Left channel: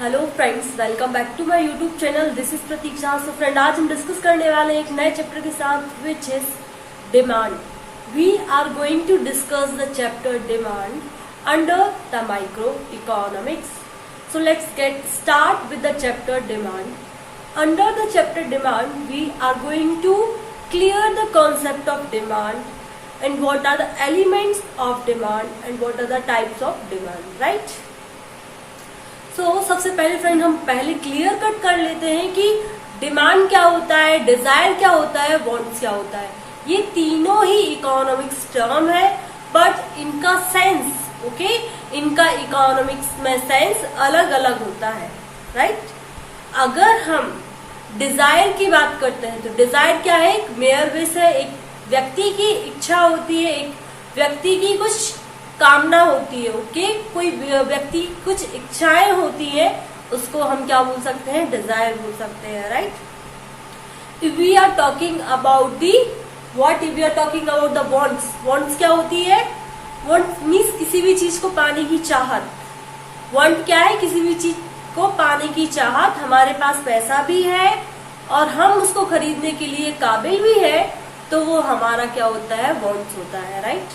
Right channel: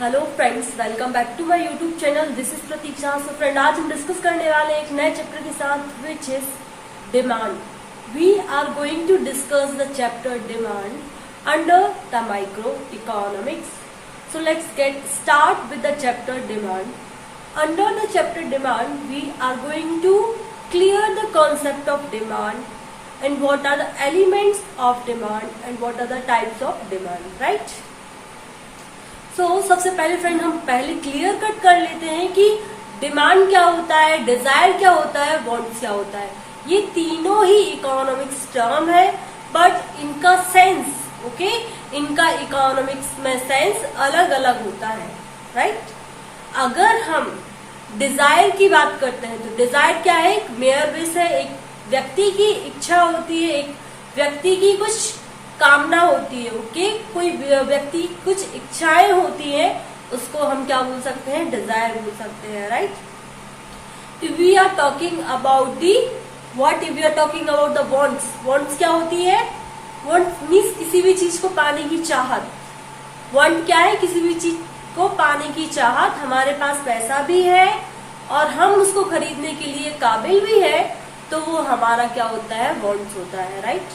Hello friends, welcome back to my YouTube channel. This is Pratiksha. So friend, आज हम discuss करने वाले एक नए चैप्टर के साथ, which is demand. We are going to discuss the chapter demand under the micro economics. So let's get start with the chapter demand. Under the chapter demand we are going to clear the concept of demand and what are the elements of demand and what are the types of demand, right? So सबसे पहले friend हम पहले clear cut कर लेते हैं कि demand क्या होता है, डिजायर क्या होता है, वांट्स क्या होता है। ये तीनों ही इकोनॉमिक्स टर्म है, बट इनका सेंस इनका इकोनॉमिक्स में सेंस अलग अलग होता है, राइट? अगर हम डिजायर की बात करते हैं तो डिजायर क्या है? एक मेयर विश है, एक व्यक्ति की इच्छा होती है, एक व्यक्ति की कुछ कामना होती है। कोई व्यक्ति कुछ इच्छाएं होती हैं, उसको हम क्या बोल सकते हैं? डिजायर बोल सकते हैं, right? If we are talking about the what, if we are talking about the wants, wants क्या होती है? वांट मीन्स किसी भी चीज को पाने की चाहत। वांट क्या है? किसी भी चीज को पाने की चाहत। हमारे पास पैसा भी है और हम उसको खरीदने के लिए काबिल भी है, तो वो हमारा क्या होता है? वांट्स होता है, राइट?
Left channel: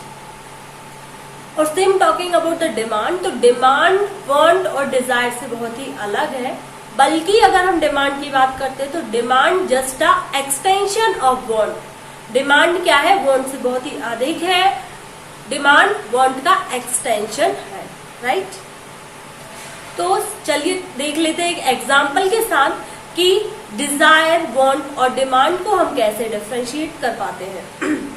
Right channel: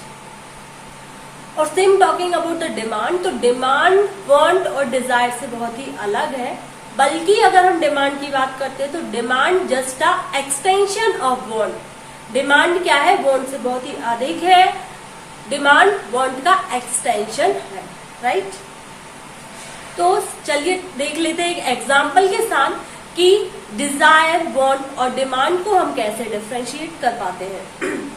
और same talking about the demand, तो डिमांड वांट और डिजायर से बहुत ही अलग है। बल्कि अगर हम डिमांड की बात करते हैं तो demand just a extension of want. Demand क्या है? वांट से बहुत ही अधिक है। डिमांड वांट का एक्सटेंशन है, राइट? तो चलिए देख लेते हैं एक एग्जाम्पल के साथ कि डिजायर, वांट और डिमांड को हम कैसे डिफरेंशिएट कर पाते हैं।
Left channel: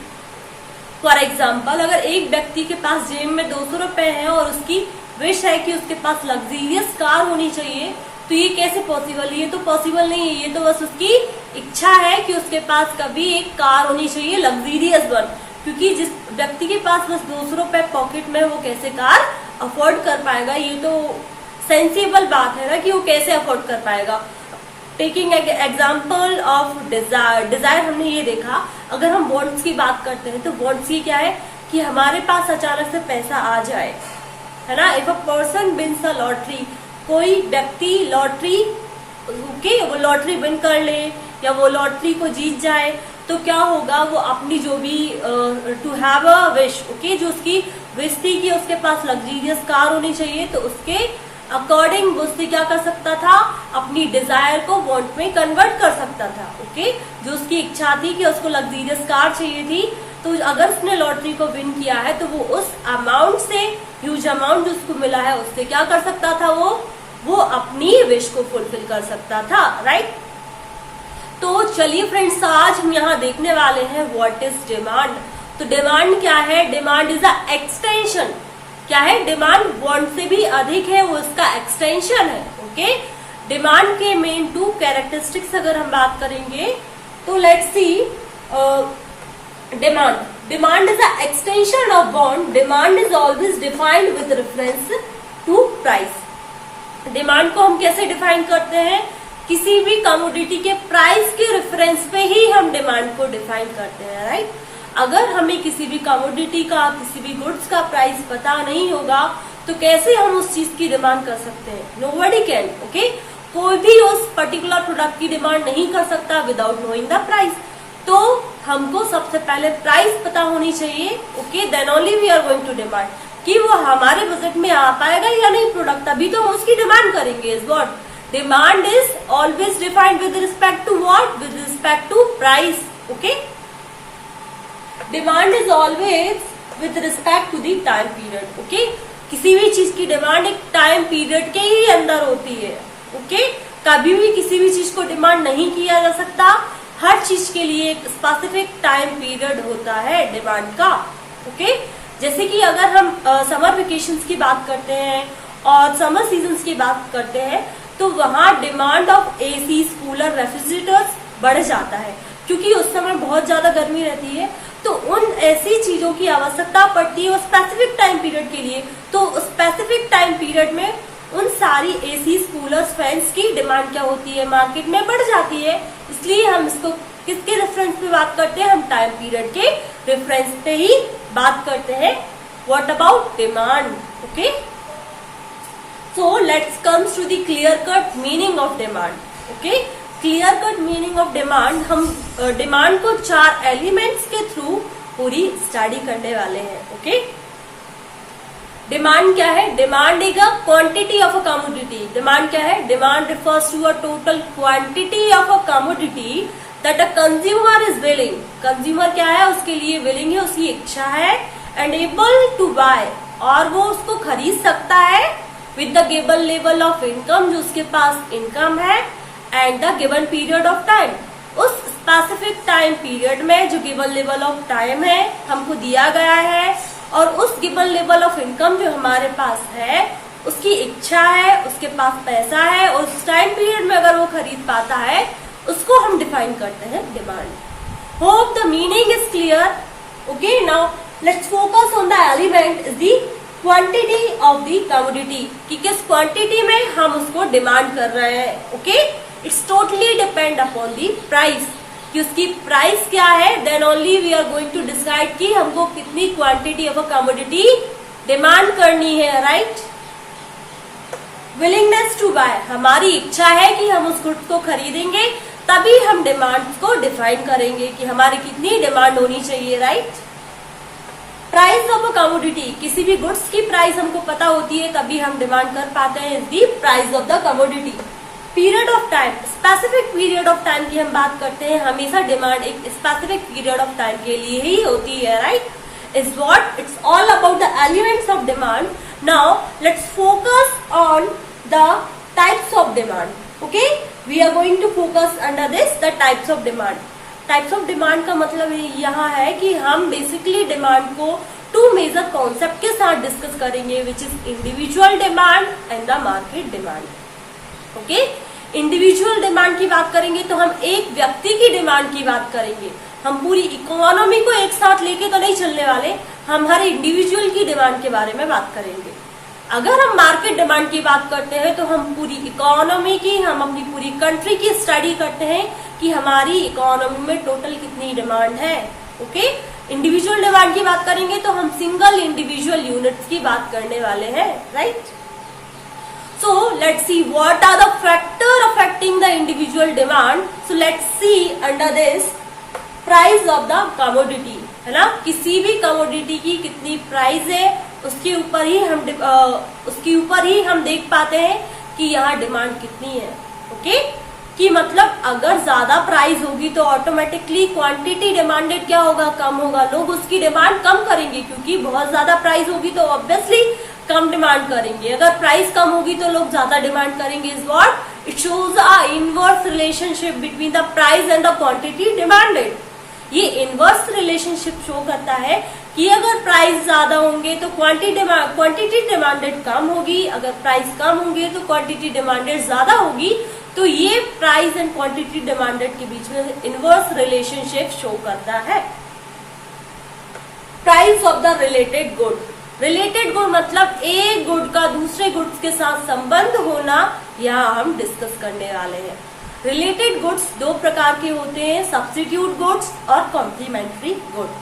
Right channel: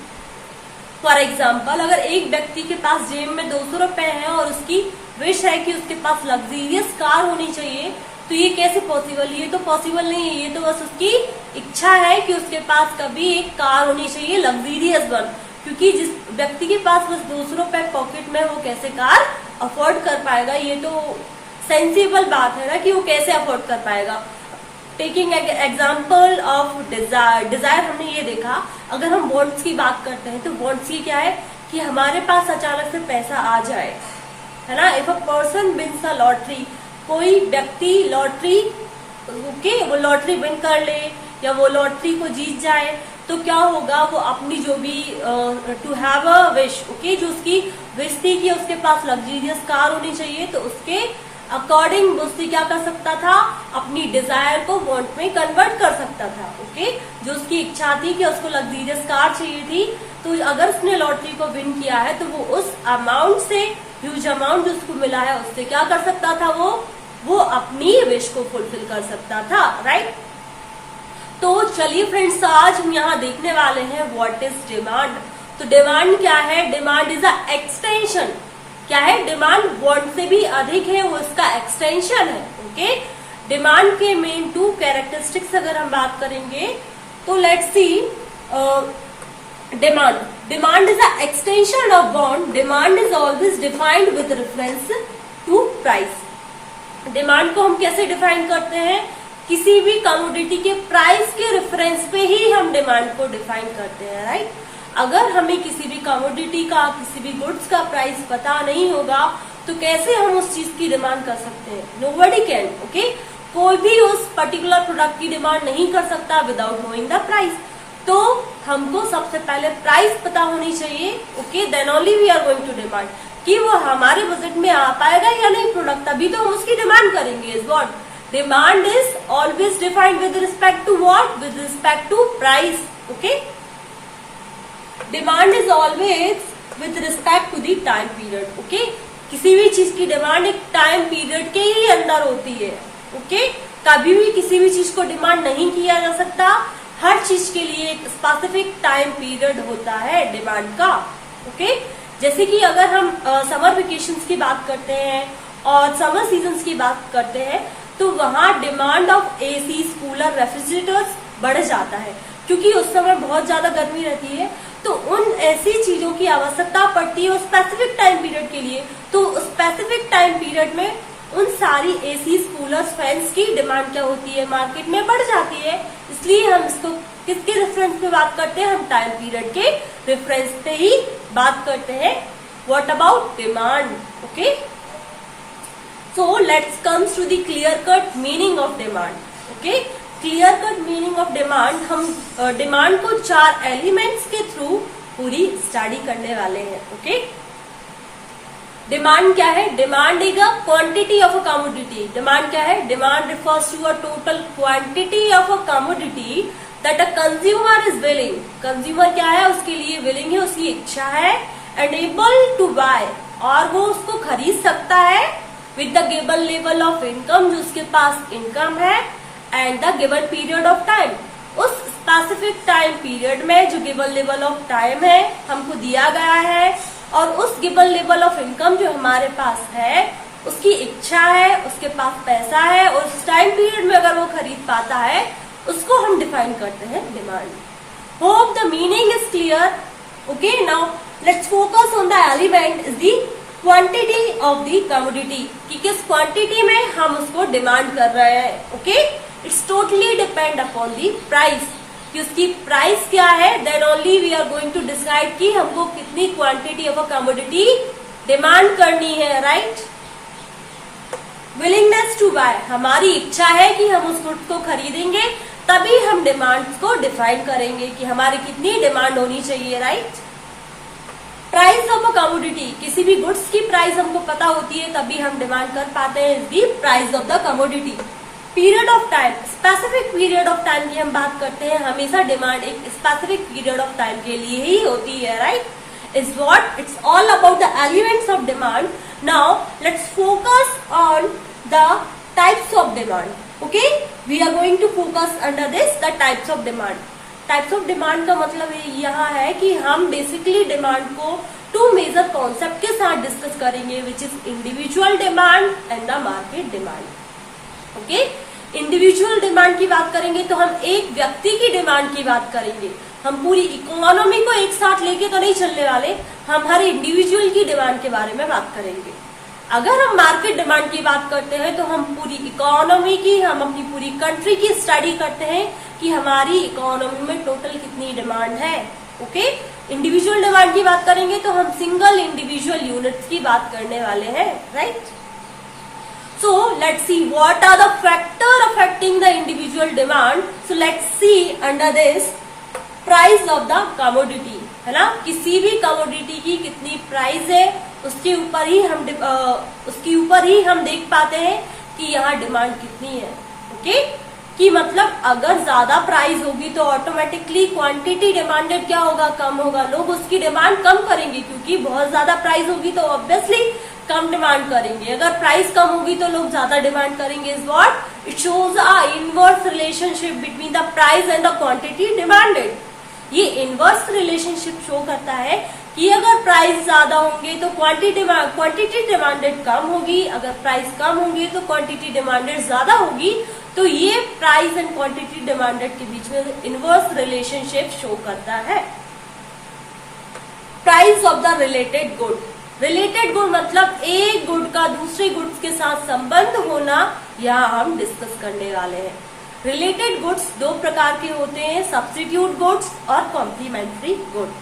फॉर एग्जाम्पल, अगर एक व्यक्ति के पास जेब में 200 रुपए है और उसकी विश है कि उसके पास लग्जरियस कार होनी चाहिए, तो ये कैसे पॉसिबल? ये तो पॉसिबल नहीं है। ये तो बस उसकी इच्छा है कि उसके पास कभी एक कार होनी चाहिए, लग्जरियस वन। क्योंकि जिस व्यक्ति के पास बस 200 रुपए पॉकेट में, वो कैसे कार अफोर्ड कर पाएगा? ये तो सेंसिबल बात है ना कि वो कैसे अफोर्ड कर पाएगा। Taking example of desire, desire हमने ये देखा। अगर हम वांट्स की बात करते हैं तो वांट्स की क्या है? कि हमारे पास अचानक से पैसा आ जाए, है ना? If a person wins a lottery, कोई व्यक्ति लॉटरी वो लॉटरी विन कर ले या वो लॉटरी को जीत जाए, तो क्या होगा? वो अपनी जो भी टू हैव अ विश, जो उसकी विश थी कि उसके पास लग्जरियस कार होनी चाहिए, तो उसके अकॉर्डिंग उससे क्या कर सकता था? अपनी डिजायर को वांट में कन्वर्ट कर सकता था। जो उसकी इच्छा थी कि उसको लग्जरियस कार चाहिए थी, तो अगर उसने लॉटरी को विन किया है तो वो उस अमाउंट से, ह्यूज अमाउंट जो उसको मिला है, उससे क्या कर सकता था? वो अपनी विश को फुलफिल कर सकता था, राइट? तो चलिए फ्रेंड्स, आज हम यहाँ देखने वाले हैं व्हाट इज डिमांड। तो डिमांड क्या है? Demand is a extension. क्या है? डिमांड वांट से भी अधिक है, वो इसका एक्सटेंशन है। डिमांड के मेन 2 कैरेक्टरिस्टिक्स अगर हम बात करेंगे तो let's see. Demand is a extension of want. Demand is always defined with reference to price. Demand को हम कैसे डिफाइन करते हैं? किसी भी कमोडिटी के प्राइस के रेफरेंस पे ही हम डिमांड को डिफाइन करते हैं, राइट? अगर हमें किसी भी कमोडिटी का, किसी भी गुड्स का प्राइस पता नहीं होगा, तो कैसे हम उस चीज की डिमांड कर सकते हैं? Nobody can. कोई भी उस पर्टिकुलर प्रोडक्ट की डिमांड नहीं कर सकता विदाउट नोइंग द प्राइस। तो हमको सबसे पहले प्राइस पता होनी चाहिए। Then only we are going to demand कि वो हमारे बजट में आ पाएगा या नहीं प्रोडक्ट, तभी तो हम उसकी डिमांड करेंगे। Is what demand is always defined with respect to what? With respect to price. Demand is always with respect to the time period. किसी भी चीज की डिमांड एक टाइम पीरियड के ही अंदर होती है। कभी भी किसी भी चीज को डिमांड नहीं किया जा सकता। हर चीज के लिए एक स्पेसिफिक टाइम पीरियड होता है डिमांड का। जैसे कि अगर हम समर वेकेशंस की बात करते हैं और समर सीजन्स की बात करते हैं, तो वहां demand of AC, cooler, refrigerators बढ़ जाता है, क्योंकि उस समय बहुत ज्यादा गर्मी रहती है। तो उन ऐसी चीजों की आवश्यकता पड़ती है स्पेसिफिक टाइम पीरियड के लिए। तो स्पेसिफिक टाइम पीरियड में उन सारी एसीज, कूलर्स, फैंस की डिमांड क्या होती है? मार्केट में बढ़ जाती है। इसलिए हम इसको किसके रेफरेंस पे बात करते हैं? हम टाइम पीरियड के रेफरेंस पे ही बात करते हैं। What about demand? So let's comes to the clear cut meaning of demand. Okay, clear cut meaning of demand. हम डिमांड को 4 एलिमेंट्स के थ्रू पूरी स्टडी करने वाले हैं. ओके, डिमांड क्या है? Demand is a quantity of a commodity. Demand क्या है? Demand refers to a total quantity of a commodity that a consumer is willing. Consumer क्या है? उसके लिए विलिंग है, उसकी इच्छा है, एंड एबल टू बाय, और वो उसको खरीद सकता है with the given level of income, जो उसके पास इनकम है, and the given period of time. उस स्पेसिफिक टाइम पीरियड में जो गिवन लेवल ऑफ टाइम है हमको दिया गया है, और उस गिवन लेवल ऑफ इनकम जो हमारे पास है, उसकी इच्छा है, उसके पास पैसा है, और उस टाइम पीरियड में अगर वो खरीद पाता है, उसको हम डिफाइन करते हैं demand. Hope the meaning is clear. Okay, now let's focus on the element is the quantity of the commodity, कि किस क्वांटिटी में हम उसको डिमांड कर रहे हैं. Okay, it's totally depend upon the price, कि उसकी प्राइस क्या है. Then only we are going to decide कि हमको कितनी quantity of a commodity demand करनी है. राइट, विलिंगनेस टू बाय, हमारी इच्छा है कि हम उस गुड्स को खरीदेंगे, तभी हम डिमांड को डिफाइन करेंगे कि हमारी कितनी डिमांड होनी चाहिए. Right, price of a commodity, किसी भी गुड्स की प्राइस हमको पता होती है तभी हम डिमांड कर पाते हैं दी price of the commodity. Period of time, specific period of time की हम बात करते हैं. हमेशा डिमांड एक स्पेसिफिक पीरियड ऑफ टाइम के लिए ही होती है. Right, is what it's all about the elements of demand. Now let's focus on the types of demand. Okay, we are going to focus under this the types of demand. Types of demand का मतलब यहाँ है कि हम basically demand को 2 major concept के साथ discuss करेंगे, which is individual demand and the market demand. Okay, individual demand की बात करेंगे तो हम एक व्यक्ति की डिमांड की बात करेंगे. हम पूरी इकोनॉमी को एक साथ लेके तो नहीं चलने वाले, हम हर इंडिविजुअल की डिमांड के बारे में बात करेंगे. अगर हम मार्केट डिमांड की बात करते हैं तो हम पूरी इकोनॉमी की, हम अपनी पूरी कंट्री की स्टडी करते हैं कि हमारी इकोनॉमी में टोटल कितनी डिमांड है. ओके, इंडिविजुअल डिमांड की बात करेंगे तो हम सिंगल इंडिविजुअल यूनिट्स की बात करने वाले हैं. Right, so let's see what are the factor affecting the individual demand. So let's see under this price of the commodity, है ना. किसी भी कमोडिटी की कितनी प्राइस है उसके ऊपर ही हम देख पाते हैं कि यहाँ डिमांड कितनी है. ओके, कि मतलब अगर ज्यादा प्राइस होगी तो ऑटोमेटिकली क्वांटिटी डिमांडेड क्या होगा? कम होगा. लोग उसकी डिमांड कम करेंगे, क्योंकि बहुत ज्यादा प्राइस होगी तो ऑब्वियसली कम डिमांड करेंगे. अगर प्राइस कम होगी तो लोग ज्यादा डिमांड करेंगे. Is what it shows a inverse relationship between the price and the quantity demanded. ये इनवर्स रिलेशनशिप शो करता है कि अगर प्राइस ज्यादा होंगे तो क्वांटिटी डिमांडेड कम होगी, अगर प्राइस कम होंगे तो क्वांटिटी डिमांडेड ज्यादा होगी. तो ये प्राइस एंड क्वांटिटी डिमांडेड के बीच में इनवर्स रिलेशनशिप शो करता है. Price of the related good. Related good मतलब एक गुड का दूसरे गुड्स के साथ संबंध होना, यहाँ हम डिस्कस करने वाले हैं. रिलेटेड गुड्स 2 प्रकार के होते हैं, सब्स्टिट्यूट गुड्स और कॉम्प्लीमेंट्री गुड.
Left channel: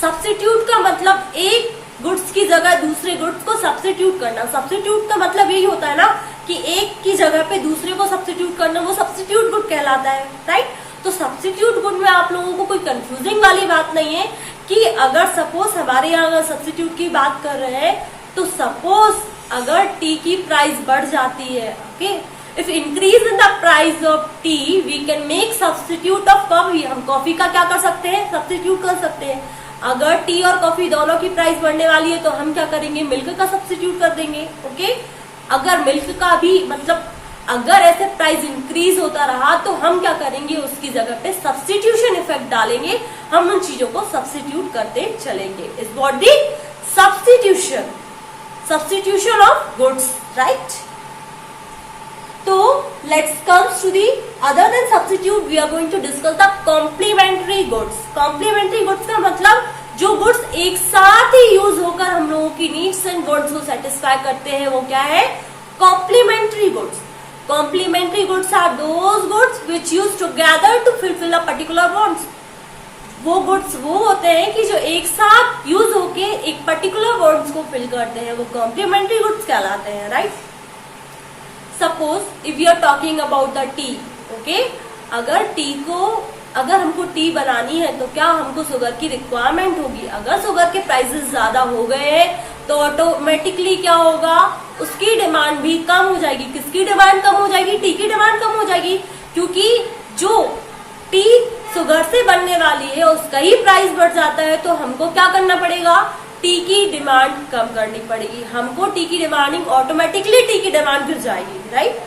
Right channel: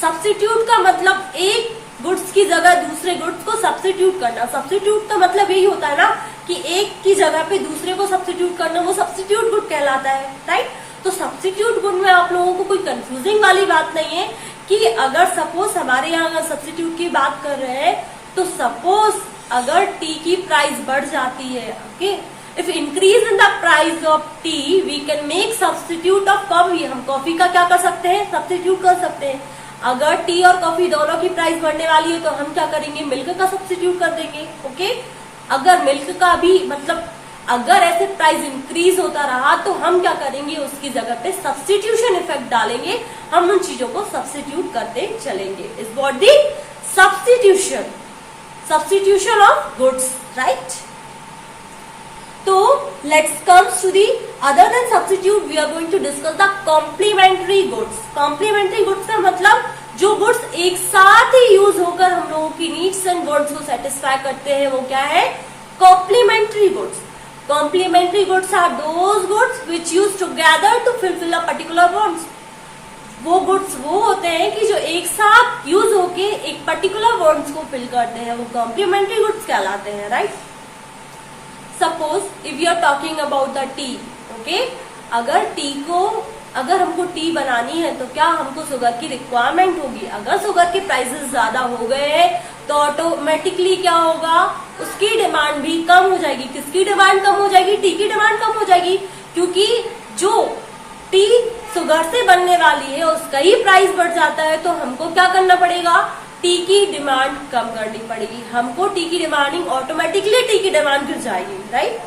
सब्स्टिट्यूट का मतलब एक गुड्स की जगह दूसरे गुड्स को सब्स्टिट्यूट करना. सब्स्टिट्यूट का मतलब यही होता है ना कि एक की जगह पे दूसरे को सब्स्टिट्यूट करना, वो सब्स्टिट्यूट गुड कहलाता है. राइट, तो सब्स्टिट्यूट गुड में आप लोगों को कोई कंफ्यूजिंग वाली बात नहीं है कि अगर सपोज हमारे यहाँ अगर सब्स्टिट्यूट की बात कर रहे हैं तो सपोज अगर टी की प्राइस बढ़ जाती है. Okay, if increase in the price of T V can make substitute of coffee. हम कॉफी का क्या कर सकते हैं? सब्स्टिट्यूट कर सकते हैं. अगर टी और कॉफी दोनों की प्राइस बढ़ने वाली है तो हम क्या करेंगे? मिल्क का सब्स्टिट्यूट कर देंगे. ओके, अगर मिल्क का भी मतलब अगर ऐसे प्राइस इंक्रीज होता रहा तो हम क्या करेंगे? उसकी जगह पे सब्स्टिट्यूशन इफेक्ट डालेंगे, हम उन चीजों को सब्स्टिट्यूट करते चलेंगे. Is what the substitution of goods. Right, तो let's comes to the other then substitute we are going to discuss the complementary goods. Complementary goods का मतलब जो गुड्स एक साथ ही यूज होकर हम लोगों की नीड्स एंड वांट्स को सेटिस्फाई करते हैं, वो क्या है? Complementary goods. Complementary goods are those goods which use together to fulfill a particular wants. वो गुड्स वो होते हैं कि जो एक साथ यूज होके एक पर्टिकुलर वर्ड्स को फिल करते हैं, वो कॉम्प्लीमेंट्री गुड्स कहलाते हैं, right. Suppose if you are talking about the tea, okay, अगर हमको टी बनानी है तो क्या हमको शुगर की रिक्वायरमेंट होगी। अगर शुगर के प्राइसेस ज्यादा हो गए हैं तो ऑटोमेटिकली क्या होगा, उसकी डिमांड भी कम हो जाएगी। किसकी डिमांड कम हो जाएगी? टी की डिमांड कम हो जाएगी, क्योंकि जो टी शुगर से बनने वाली है उसका ही प्राइस बढ़ जाता है। तो हमको क्या करना पड़ेगा, टी की डिमांड कम करनी पड़ेगी। हमको टी की डिमांडिंग ऑटोमेटिकली टी की डिमांड गिर जाएगी, right.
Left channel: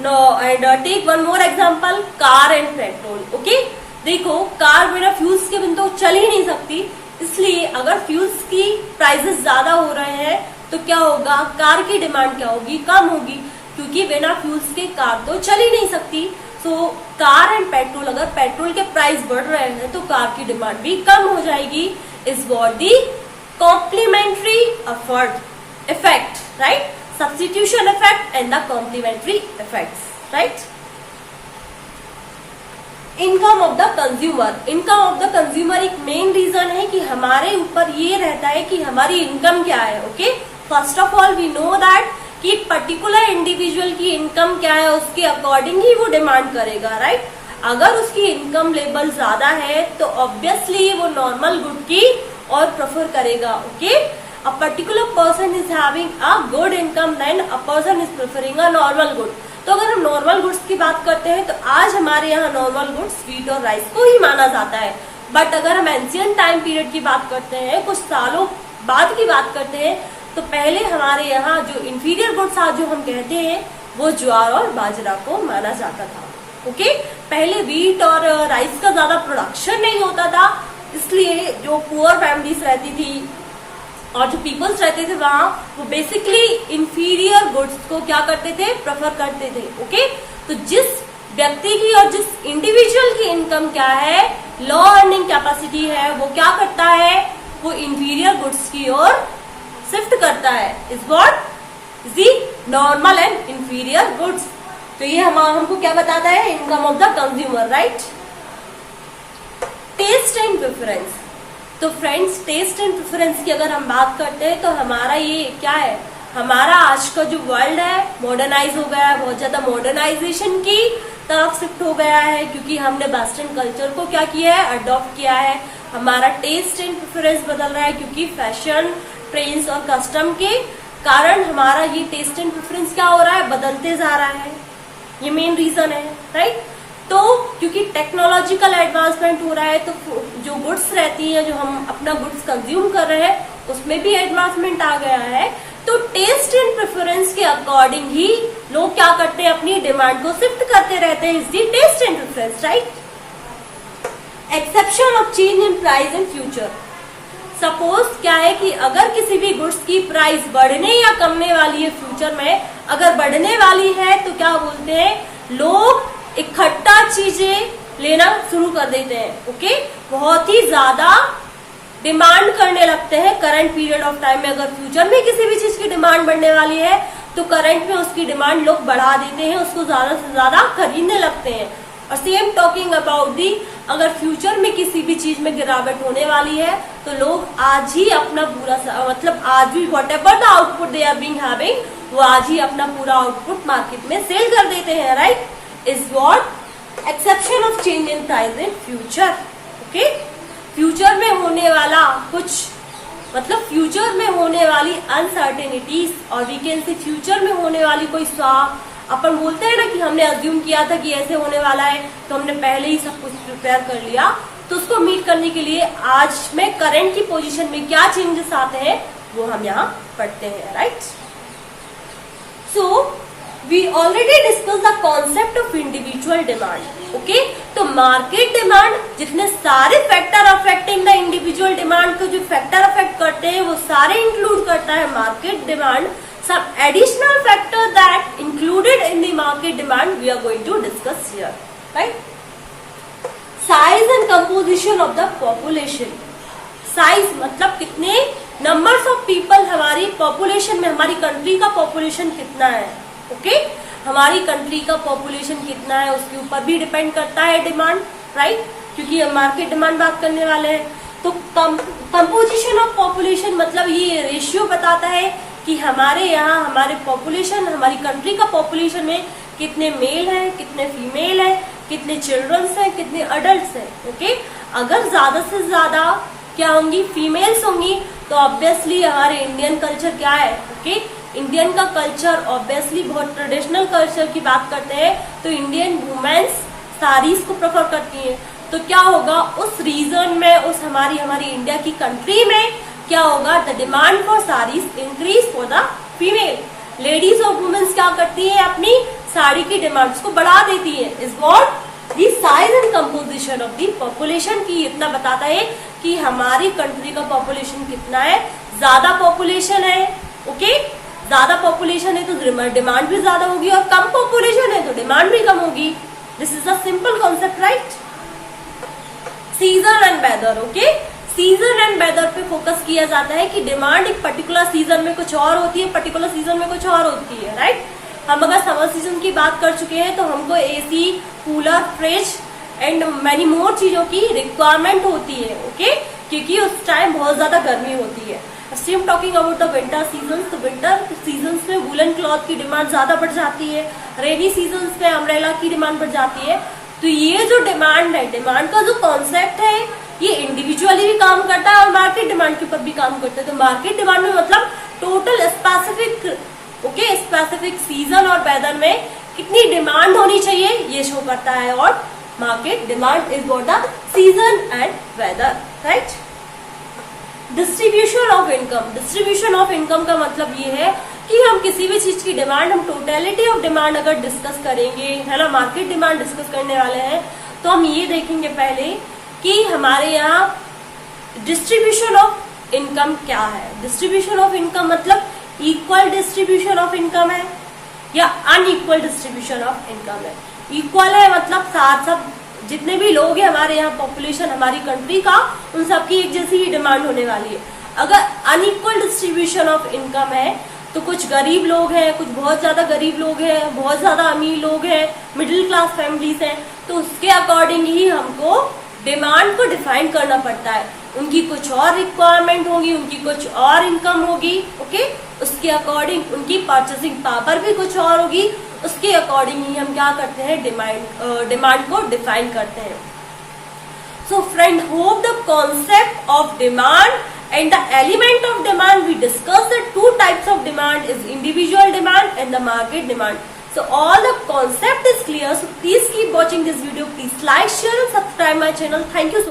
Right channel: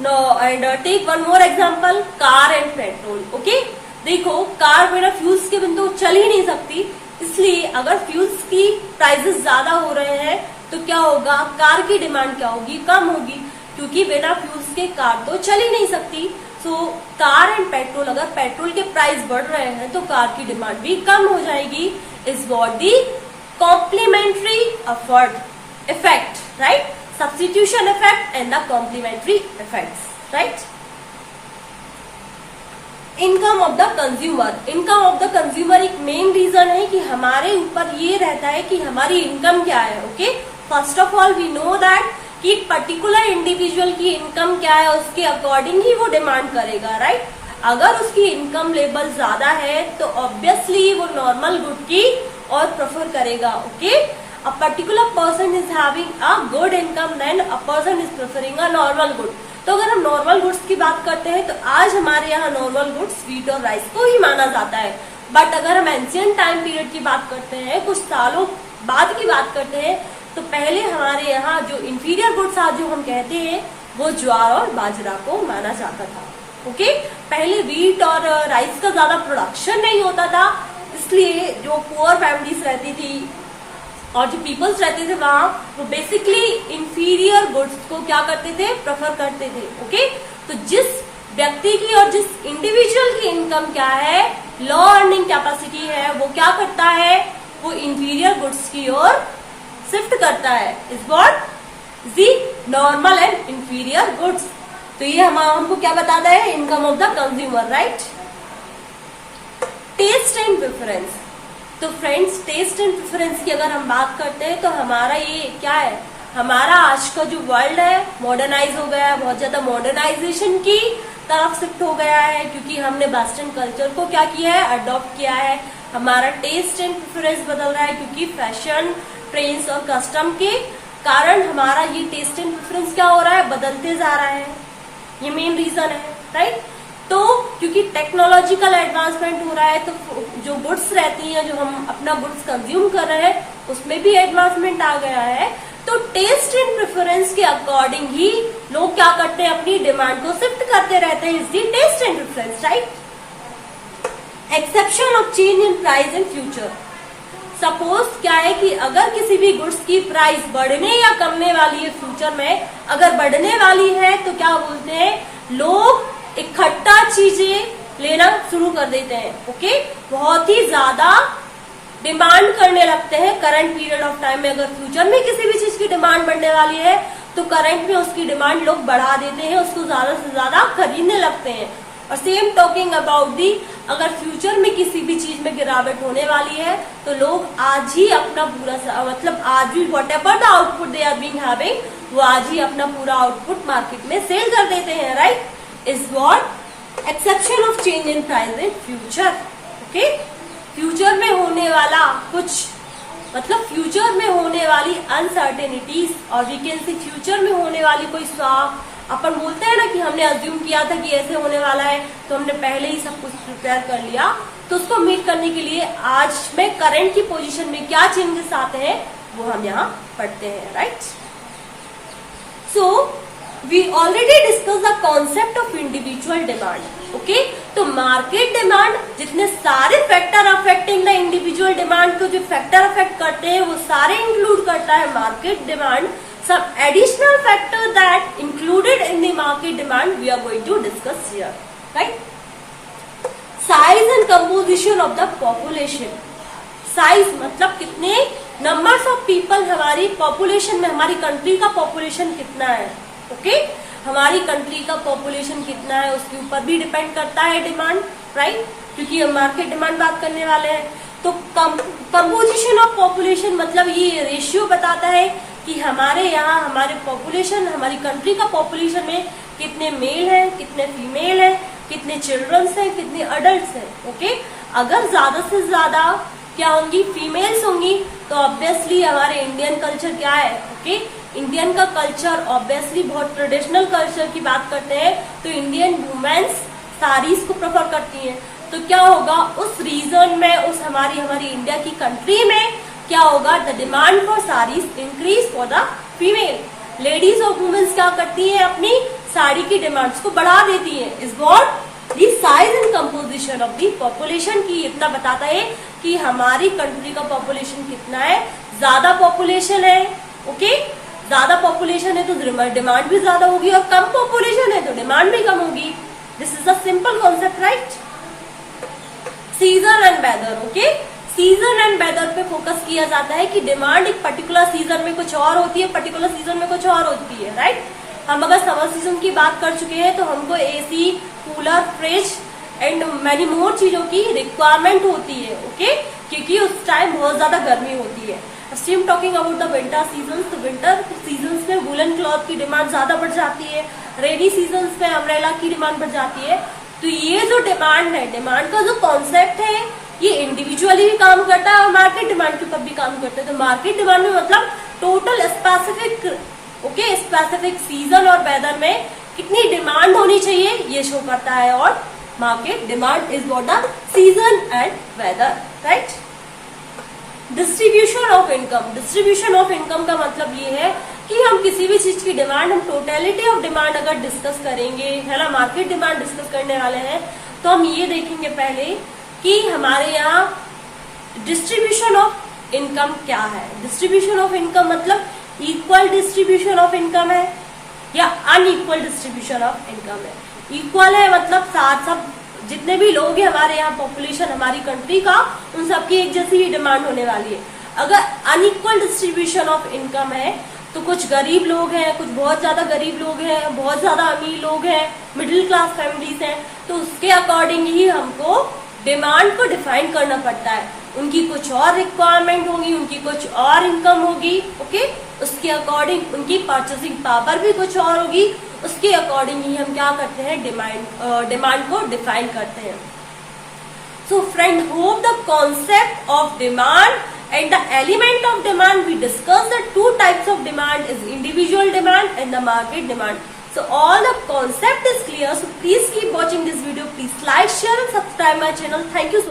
No and take one more example, car and petrol, okay. देखो कार बिना फ्यूल्स के बिना तो चल ही नहीं सकती, इसलिए अगर फ्यूल्स की प्राइसेस ज्यादा हो रहे हैं तो क्या होगा, कार की डिमांड क्या होगी, कम होगी, क्योंकि बिना फ्यूल्स के कार तो चल ही नहीं सकती। सो कार एंड पेट्रोल, अगर पेट्रोल के प्राइस बढ़ रहे हैं तो कार की डिमांड भी कम हो जाएगी। Is what the complementary effect, right. Substitution effect and the complementary effects, right? Income of the consumer, income of the consumer एक मेन रीजन है कि हमारे ऊपर ये रहता है कि हमारी इनकम क्या है, okay. First of all we know that कि पर्टिकुलर इंडिविजुअल की इनकम क्या है, उसके अकॉर्डिंग ही वो डिमांड करेगा, राइट। अगर उसकी इनकम लेवल ज्यादा है तो ऑब्वियसली वो नॉर्मल गुड की और प्रेफर करेगा, okay. A particular person is having a good income, then a person is preferring a normal good. तो अगर हम नॉर्मल गुड्स की बात करते हैं तो आज हमारे यहाँ नॉर्मल गुड्स स्वीट और राइस को ही माना जाता है। बट अगर हम एंशियंट टाइम पीरियड की बात करते हैं, कुछ सालों बाद की बात करते हैं, तो पहले हमारे यहाँ जो इंफीरियर गुड्स आज जो हम कहते हैं वो ज्वार और बाजरा को माना जाता था, ओके। पहले व्हीट और राइस का ज्यादा प्रोडक्शन नहीं होता था, इसलिए जो पुअर फैमिलीज रहती थी और जो पीपल्स रहते थे वहां, वो बेसिकली इंफीरियर गुड्स को क्या करते थे, प्रेफर करते थे, ओके। तो जिस व्यक्ति की और जिस इंडिविजुअल की इनकम क्या है, लो अर्निंग कैपेसिटी है, वो क्या करता है, वो इंफीरियर गुड्स की ओर शिफ्ट करता है। Is what the normal and inferior goods. तो ये हमको क्या बताता है, income of the consumer, right. Taste and preference, तो फ्रेंड्स टेस्ट एंड प्रेफरेंस की अगर हम बात करते हैं तो हमारा ये क्या है, हमारा आज का जो वर्ल्ड है मॉडर्नाइज हो गया है, बहुत ज्यादा मॉडर्नाइजेशन की तरफ शिफ्ट हो गया है, क्योंकि हमने वेस्टर्न कल्चर को क्या किया है, अडॉप्ट किया है। हमारा टेस्ट एंड प्रेफरेंस बदल रहा है, क्योंकि फैशन, ट्रेंड्स और कस्टम के कारण हमारा ये टेस्ट एंड प्रेफरेंस क्या हो रहा है, बदलते जा रहा है। ये मेन रीजन है, राइट। तो क्योंकि टेक्नोलॉजिकल एडवांसमेंट हो रहा है, तो जो गुड्स रहती हैं, जो हम अपना गुड्स कंज्यूम कर रहे हैं, उसमें भी एडवांसमेंट आ गया है। तो टेस्ट एंड प्रेफरेंस के अकॉर्डिंग ही लोग क्या करते हैं, अपनी डिमांड को शिफ्ट करते रहते हैं। इसलिए taste and preference, right. Exception of change in price in future, suppose क्या है कि अगर किसी भी गुड्स की प्राइस बढ़ने या कमने वाली है फ्यूचर में, अगर बढ़ने वाली है तो क्या बोलते हैं, लोग इकट्ठा चीजें लेना शुरू कर देते हैं, ओके। बहुत ही ज्यादा डिमांड करने लगते हैं करंट पीरियड ऑफ टाइम में। अगर फ्यूचर में किसी भी चीज की डिमांड बढ़ने वाली है तो करंट में उसकी डिमांड लोग बढ़ा देते हैं, उसको ज्यादा से ज्यादा खरीदने लगते हैं। और सेम टॉकिंग अबाउट दी, अगर फ्यूचर में किसी भी चीज में गिरावट होने वाली है तो लोग आज ही अपना पूरा मतलब आज भी whatever the output they are being having, वो आज ही अपना पूरा आउटपुट मार्केट में सेल कर देते हैं, right. Is what exception of change in price in future, okay. Future में होने वाला कुछ मतलब फ्यूचर में होने वाली अनसर्टेनिटीज, और वी कैन से फ्यूचर में होने वाली कोई अपन बोलते हैं ना कि हमने अज्यूम किया था कि ऐसे होने वाला है, तो हमने पहले ही सब कुछ प्रिपेयर कर लिया। तो उसको मीट करने के लिए आज में करंट की पोजीशन में क्या चेंजेस आते हैं वो हम यहाँ पढ़ते हैं, right. So we already discuss the concept of individual demand, okay. तो मार्केट डिमांड, जितने सारे factor affecting the individual demand, तो जो फैक्टर अफेक्ट करते हैं वो सारे इंक्लूड करता है market demand. Some additional factor that included in the market demand we are going to discuss here, right? Size and composition of the population. Size मतलब कितने numbers of people हमारी population में, हमारी कंट्री का population कितना है, okay. हमारी country का population कितना है उसके ऊपर भी डिपेंड करता है डिमांड, राइट। क्योंकि हम मार्केट डिमांड बात करने वाले हैं। तो कंपोजिशन ऑफ पॉपुलेशन मतलब ये रेशियो बताता है कि हमारे यहाँ हमारे पॉपुलेशन, हमारी कंट्री का पॉपुलेशन में कितने मेल हैं, कितने फीमेल हैं, कितने चिल्ड्रंस हैं, कितने अडल्ट हैं। ओके, अगर ज्यादा से ज्यादा क्या होंगी, फीमेल्स होंगी, तो ऑब्वियसली हमारे इंडियन कल्चर क्या है, ओके, इंडियन का कल्चर ऑब्वियसली बहुत ट्रेडिशनल कल्चर की बात करते हैं, तो इंडियन वुमेन्स साड़ीज को प्रेफर करती हैं। तो क्या होगा उस रीजन में, उस हमारी इंडिया की कंट्री में क्या होगा, the demand for saris increase for the female. Ladies और वुमेन्स क्या करती है, अपनी साड़ी की डिमांड्स को बढ़ा देती है। Is what the size and composition of the population की इतना बताता है कि हमारी कंट्री का पॉपुलेशन कितना है, ज्यादा पॉपुलेशन है, ओके, ज्यादा पॉपुलेशन है तो डिमांड भी ज्यादा होगी, और कम पॉपुलेशन है तो डिमांड भी कम होगी। This is a simple concept, right. Season and weather, okay, season and weather पे फोकस किया जाता है कि डिमांड एक पर्टिकुलर सीजन में कुछ और होती है, पर्टिकुलर सीजन में कुछ और होती है, राइट। हम अगर समर सीजन की बात कर चुके हैं तो हमको AC, cooler, fridge and many more चीजों की रिक्वायरमेंट होती है, ओके, क्योंकि उस टाइम बहुत ज्यादा गर्मी होती है। See am talking about the winter season, तो विंटर सीजन में वुलन क्लॉथ की डिमांड ज्यादा बढ़ जाती है, रेनी सीजन में अम्ब्रेला की डिमांड बढ़ जाती है। तो ये जो डिमांड है, डिमांड का जो कॉन्सेप्ट है, ये इंडिविजुअली भी काम करता है और मार्केट डिमांड के ऊपर भी काम करता है। तो मार्केट डिमांड में मतलब total specific, okay, specific season और वेदर में कितनी डिमांड होनी चाहिए ये शो करता है। और market demand is what the season and weather, right. Distribution of income, distribution of income का मतलब ये है कि हम किसी भी चीज की डिमांड, हम टोटलिटी ऑफ डिमांड अगर डिस्कस करेंगे, है ना, मार्केट डिमांड डिस्कस करने वाले हैं, तो हम ये देखेंगे पहले कि हमारे यहाँ डिस्ट्रीब्यूशन ऑफ इनकम क्या है। डिस्ट्रीब्यूशन ऑफ इनकम मतलब इक्वल डिस्ट्रीब्यूशन ऑफ इनकम है या अनइक्वल डिस्ट्रीब्यूशन ऑफ इनकम है। इक्वल है मतलब साथ सब जितने भी लोग हैं हमारे यहाँ पॉपुलेशन हमारी कंट्री का, उन सबकी एक जैसी ही डिमांड होने वाली है। अगर अनइक्वल डिस्ट्रीब्यूशन ऑफ इनकम है तो कुछ गरीब लोग हैं, कुछ बहुत ज्यादा गरीब लोग हैं, बहुत ज्यादा अमीर लोग हैं, मिडिल क्लास फैमिलीज हैं, तो उसके अकॉर्डिंग ही हमको डिमांड को डिफाइन करना पड़ता है। उनकी कुछ और रिक्वायरमेंट होगी, उनकी कुछ और इनकम होगी, ओके, उसके अकॉर्डिंग उनकी परचेसिंग पावर भी कुछ और होगी, उसके अकॉर्डिंग ही हम क्या करते हैं, डिमांड को डिफाइन करते हैं। So friend, hope the concept of demand and the element of demand we discussed, the two types of demand is individual demand and the market demand. So all the concept is clear, so please keep watching this video, please like, share and subscribe my channel. Thank you so much.